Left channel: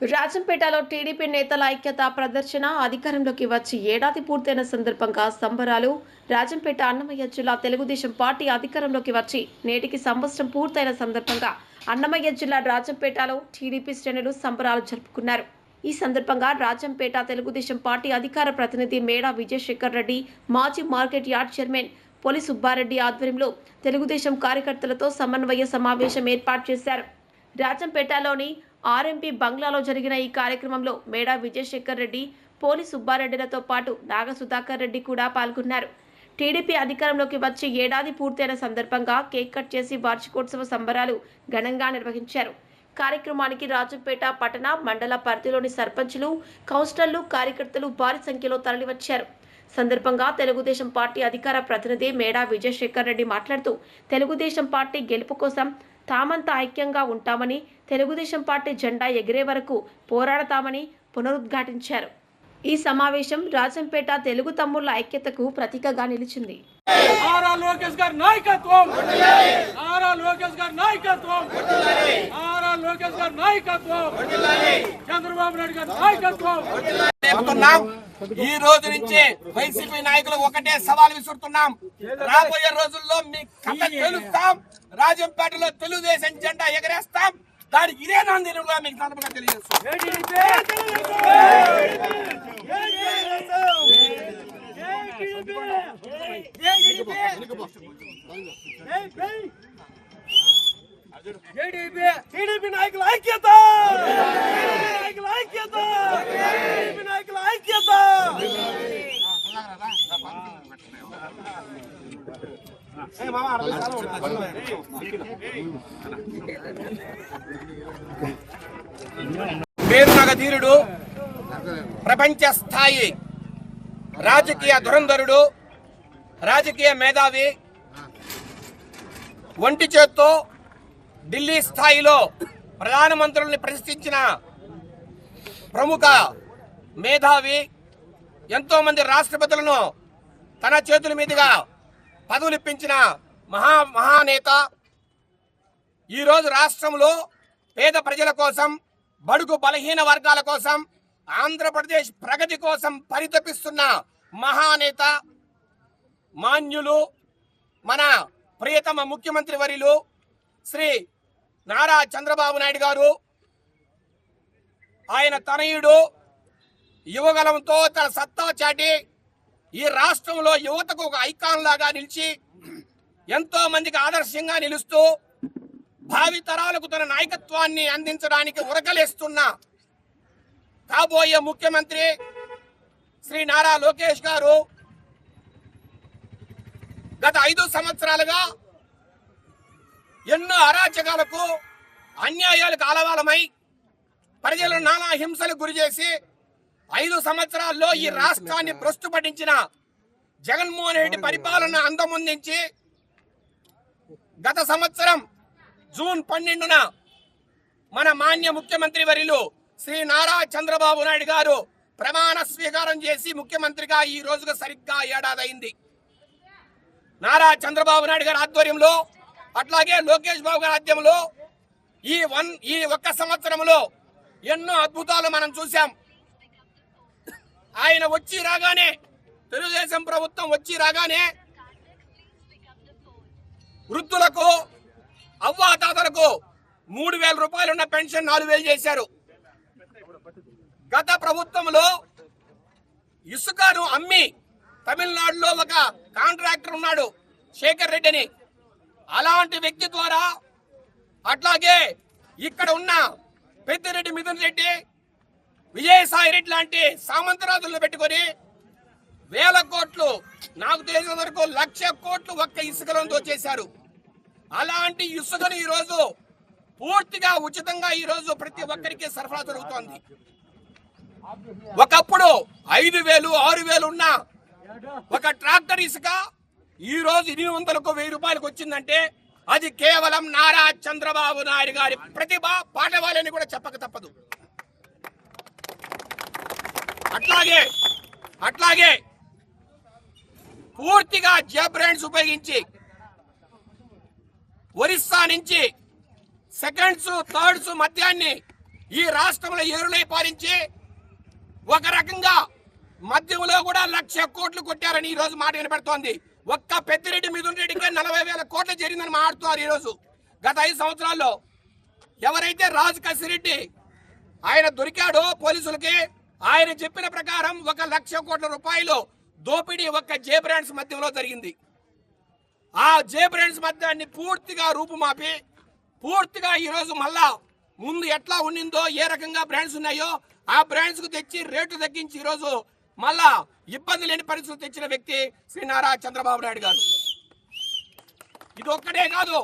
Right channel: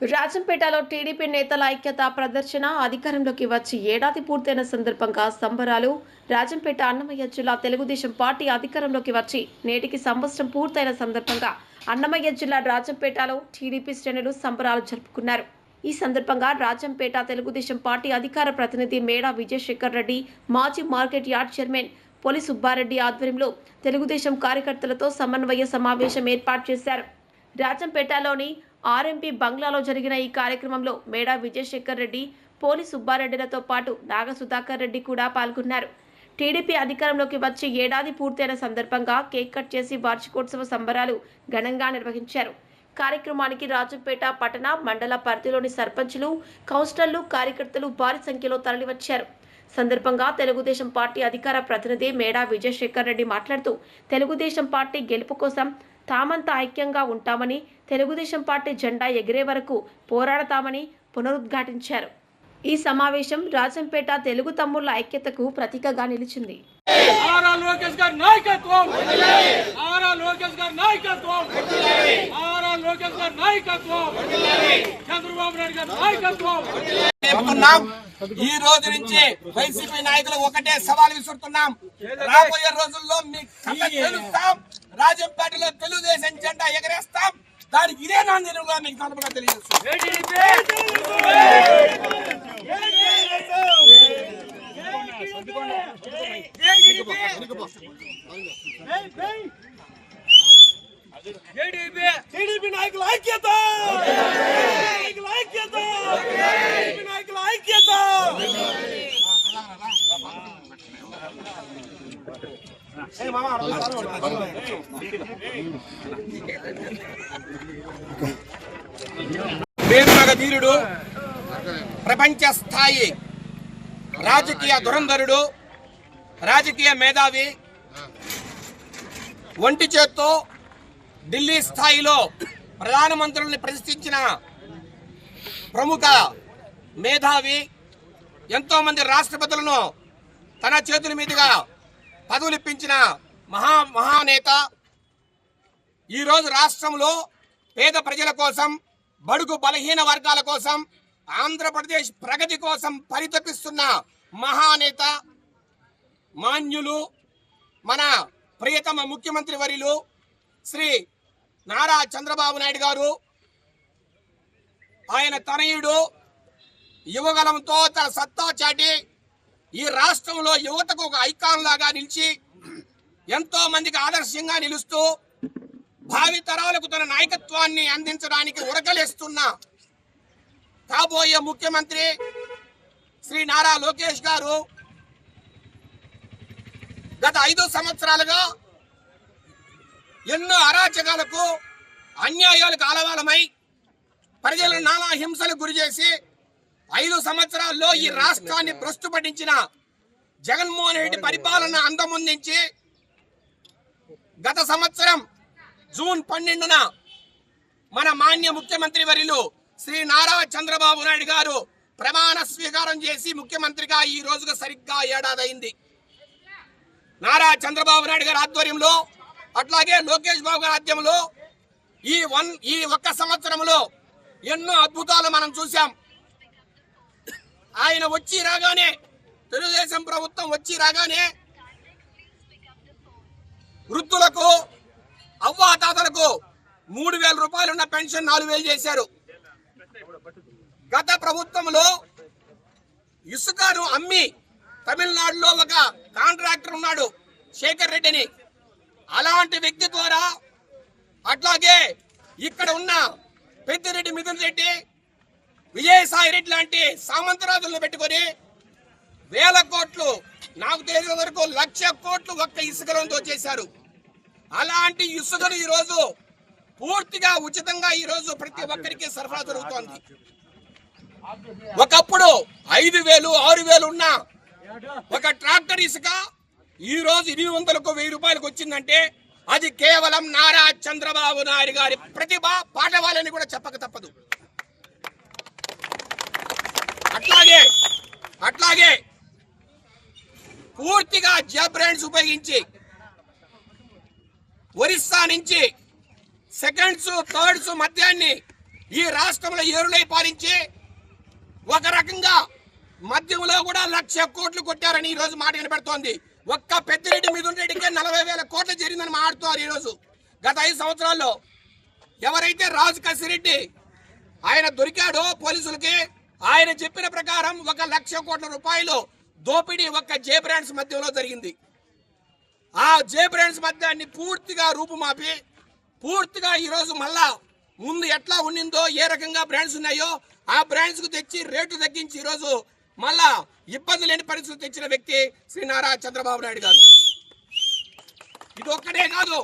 రాజంపేటలో TDP నేతల ఐక్యత ప్రదర్శన అధికారంలోకి వచ్చి ఏడాది పూర్తయిన సందర్భంగా సంబరాలు. రాజంపేట అన్నమయ్య జిల్లా తెలుగుదేశం పార్టీ అధికారంలోకి వచ్చి నేటికి సంవత్సరం పూర్తయిన సందర్భంగా అన్నమయ్య జిల్లా రాజంపేటలో టీడీపీ శ్రేణులు సంబరాలు జరుపుకున్నారు. ఈ సందర్భంగా రాజంపేట తెలుగుదేశం పార్టీ అధికార ప్రతినిధి మేడా విజయశేఖర్ రెడ్డి మాజీ market yard chairman Poli Subbareddy ఆధ్వర్యంలో తెలుగుదేశం కార్యకర్తలతో సమన్వయ సమావేశం ఏర్పాటు చేశారు. రాజంపేటలోని ఆర్ఎంపీ బంగ్లాలో జరిగిన ఈ కార్యక్రమంలో మేడా విజయశేఖర్ రెడ్డి పోలి సుబ్బారెడ్డిలతో పాటు నాగ సుధాకర్ రెడ్డి కూడా పాల్గొన్నారు. టీడీపీ అధికారంలోకి వచ్చి ఏడాది పూర్తయిన సందర్భంగా కేక్ కట్ చేసి వార్షికోత్సవ సంబరాలు ఘనంగా నిర్వహించారు. కార్యక్రమానికి రాజంపేట పట్టణ మండల పరిధిలోని సర్పంచులు కౌన్సిలర్లు కార్యకర్తలు భారీ సంఖ్యలో తరలివచ్చారు. సందర్భంగా తెలుగుదేశం పార్టీ అధికార ప్రతినిధి మేడా విజయశేఖర్ రెడ్డి మాట్లాడుతూ తెలుగుదేశం పార్టీ గెలుపు కోసం తామంతా ఐక్యంగా ఉంటామని తెలుగుదేశం పార్టీ జెండా ఎగిరే వరకు పోరాడతామని పునరుద్ఘాటించారు. ఈ సమావేశం రాజంపేట తెలుగు తమ్ముళ్ళ ఐక్యతకు ప్రతీకగా నిలిచింది. ఆరా లోకేష్ గారి నాయకత్వం! ఆరా లోకేష్ గారి నాయకత్వం! ఆరా లోకేష్ గారి నాయకత్వం! చంద్రబాబు నాయుడు గారి నాయకత్వం! చెప్తున్నాం ఈ రోజు నుంచి వైసీపీ నాయకులు ఒకటే సవాల్ విసురుతున్నాం. రాబోయే రోజుల్లో మీ కథ తెలుస్తాం. రాజంపేటలో తెలుగుదేశం జెండా ఎగరేస్తాం. దానికి ఇదే నాందినుగా మీకు సందర్భంగా తెలియజేస్తాం టీడీపీ నాయకుల ఐక్యత నాయకుల ఐక్యత టీడీపీ నాయకుల ఐక్యత వేరునగ ప్రపంచ స్థాయి రాజకీయ దురంధరుడు రాజకీయ మేధావి ఒంటి చేత్తో ఢిల్లీ స్థాయిలో ప్రధానమంత్రుల్ని ప్రశ్నించిన ప్రముఖ మేధావి ఎంతోమంది రాష్ట్రపతులను తన చేతుల మీదుగా పదవులు ఇప్పించిన మహా మహానేత. ఈరోజు రాష్ట్రంలో పేద ప్రజల కోసం బడుగు బలహీన వర్గాల కోసం ఆంధ్రప్రదేశ్ ప్రగతి కోసం పరితపిస్తున్న మహానేత మాన్యులు మన ప్రియతమ ముఖ్యమంత్రి వర్యులు శ్రీ నారా చంద్రబాబు నాయుడు గారు ఆయన తనయుడు యువగలంతో తన సత్తా చాటి ఈ రాష్ట్రంలో యువతకు ఒక ఐకాన్ లాగా నిలిచి ఎంతో మందికి ఆదర్శంగా నిలుస్తూ భావి తరాలకు తన నాయకత్వాన్ని అందించడానికి ఉరకలేస్తున్న కాబోయే ముఖ్యమంత్రి శ్రీ నారా లోకేష్ గారు గత ఐదు సంవత్సరాలుగా ఎన్నో అరాచకాలకు అన్యాయాలకు ఆలవాలమై ప్రజలను నానా హింసలకు గురి చేసి ఐదు సంవత్సరాల్లో ఈ రాష్ట్రాన్ని భ్రష్టు పట్టించిన జగన్మోహన్ రెడ్డి పరిపాలన అందముందించి గత సంవత్సరం జూన్ పన్నెండున మన మాన్య ముఖ్యమంత్రి వర్యులు శ్రీ నారా చంద్రబాబు నాయుడు గారు ప్రమాణ స్వీకారం చేసి ముఖ్యమంత్రిగా ఈ రోజుగా సరిగ్గా ఏడాదైంది. నారా చంద్రబాబు నాయుడు గారి ఆధ్వర్యంలో అట్లాగే లోకేష్ బాబు గారి ఆధ్వర్యంలో ఈ వన్ ఈ ఒక్క సంవత్సరంలో ఎన్నో అద్భుతాలు మనం చూసాం ఆయన వచ్చి రాగానే తెలుగుదేశం ప్రభుత్వం వచ్చి రాగానే వృద్ధులకు అవ్వాతాతలకు మూడు వేల రూపాయలు ఉన్న పెన్షన్ నాలుగు వేలు చేశారు. గత ప్రభుత్వంలో ఇసుకను అమ్మి తమిళనాడులో ఒక కాంట్రాక్టర్ ఉన్నాడు శేఖర్ రెడ్డిని. అలాంటి వ్యక్తి ద్వారా అట్లాగే ఇక్కడ ఉన్న పెద్దిరెడ్డి మిథున్ రెడ్డి విజయసాయి రెడ్డి లాంటి సామంతరాజులను పెట్టుకొని వేల కోట్లు నాకు తెలిసిన వరకు లక్ష కోట్లు ఒక్క ఇసుకలంతో చేశారు. అలాంటి ఇసుకను ఈరోజు పూర్తిగా ఉచితంగా ఈరోజు ప్రతి ఒక్కరికి సరఫరా జరుగుతోంది. ఒకప్పుడు ఐదు వేలు ఆరు వేలు ఉన్న ఒక ట్రాక్టర్ ఇసుక ఈ రోజు ఎనిమిది వందలకు వెయ్యి రూపాయలకు వచ్చిందంటే అది కేవలం నారా చంద్రబాబు నాయుడు గారి ప్రతిభ పాఠవాలని కూడా చెప్పక తప్పదు. అట్లాగే అట్లాగే పూర్తిగా జే బ్రాండ్స్ ఉపయోగించి ఒరిస్సా నుంచి సెకండ్స్ థర్డ్స్ మద్యాన్ని ఈ రాష్ట్రంలో ఏరులై పాలించి ఒక రకంగా మద్యంలో కూడా లక్ష కోట్లు కొట్టారని ఈ రోజు మాట వినపడుతోంది ఒక్క పెద్దిరెడ్డి మిథున్ రెడ్డికే నలభై వేల కోట్లు జరిగిందని మాట్లాడుతున్నారు ఈరోజు గత ఐదు సంవత్సరాల్లో ఎవరైతే రాజు కసిరెడ్డి ఆయన దొరికాడో పోలీసులకి ఆయన చెప్పిన ప్రకారం ఒక లక్ష కోట్ల రూపాయలు దోపిడీ ఒక్క జే బ్రాండ్స్ మధ్యలో జరిగింది. ఆ జే బ్రాండ్స్ మధ్యాన్ని పూర్తిగా రూపుమాపి పూర్తిగా ఈరోజు మళ్ళా ముందు ఎట్లా ఉండిందో ఏ రకంగా బ్రాండ్స్ ఉన్నాయో ఆ బ్రాండ్స్కు తెచ్చి రేటు తగ్గించి ఈరోజు మళ్ళా ఇబ్బంది లేని పరిస్థితులు తెచ్చిన వ్యక్తి శ్రీ నారా చంద్రబాబు నాయుడు గారు. ఇది ఒక్కటే కాదు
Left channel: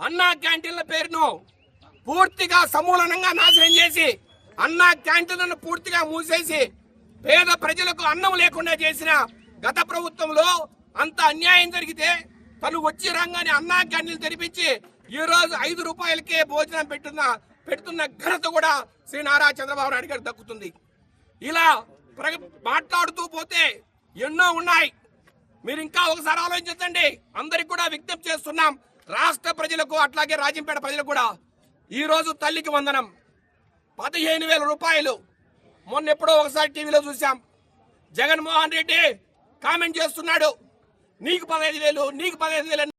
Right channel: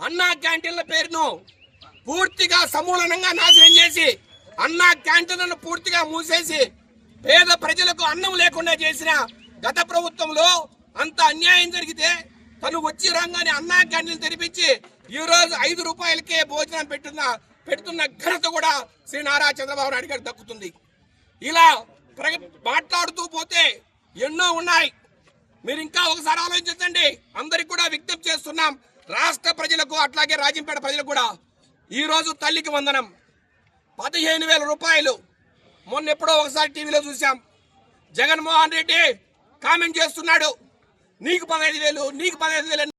అన్నా క్యాంటీన్ల పేరును పూర్తిగా సమూలనంగా నాశనం చేసి అన్నా క్యాంటీన్లను పూర్తిగా మూసేసి పేద ప్రజలకు అన్నం లేకుండా చేసిన గత ప్రభుత్వంలో అంత అన్యాయం జరిగితే తను వచ్చి రంగానే అన్నా క్యాంటీన్లు తెరిపించి ఈ రోజు ఐదు రూపాయలకే భోజనం పెట్టున్న పెడుతున్న ఘనత కూడా శ్రీ నారా చంద్రబాబు నాయుడు గారికి దక్కుతుంది. ఇలా మాట్లాడుతూ పోతే ఎన్నో ఉన్నాయి. మీరు ఇంకా ఒకసారి ఆలోచించండి. అందరికి కూడా విజ్ఞప్తి చేస్తున్నాం. రాష్ట్ర ప్రజలకు అట్లాగే రాజంపేట ప్రజలకు కూడా ఈ రోజు తల్లికి వందనం. పదిహేను వేల రూపాయలు. మొన్న ఎప్పుడో ఒకసారి టీవీలో చూసాం జగన్మోహన్ రెడ్డి కామెంట్ చేస్తున్నాడు. నీకు పదహైదు వేలు నీకు పదహైదు వేలు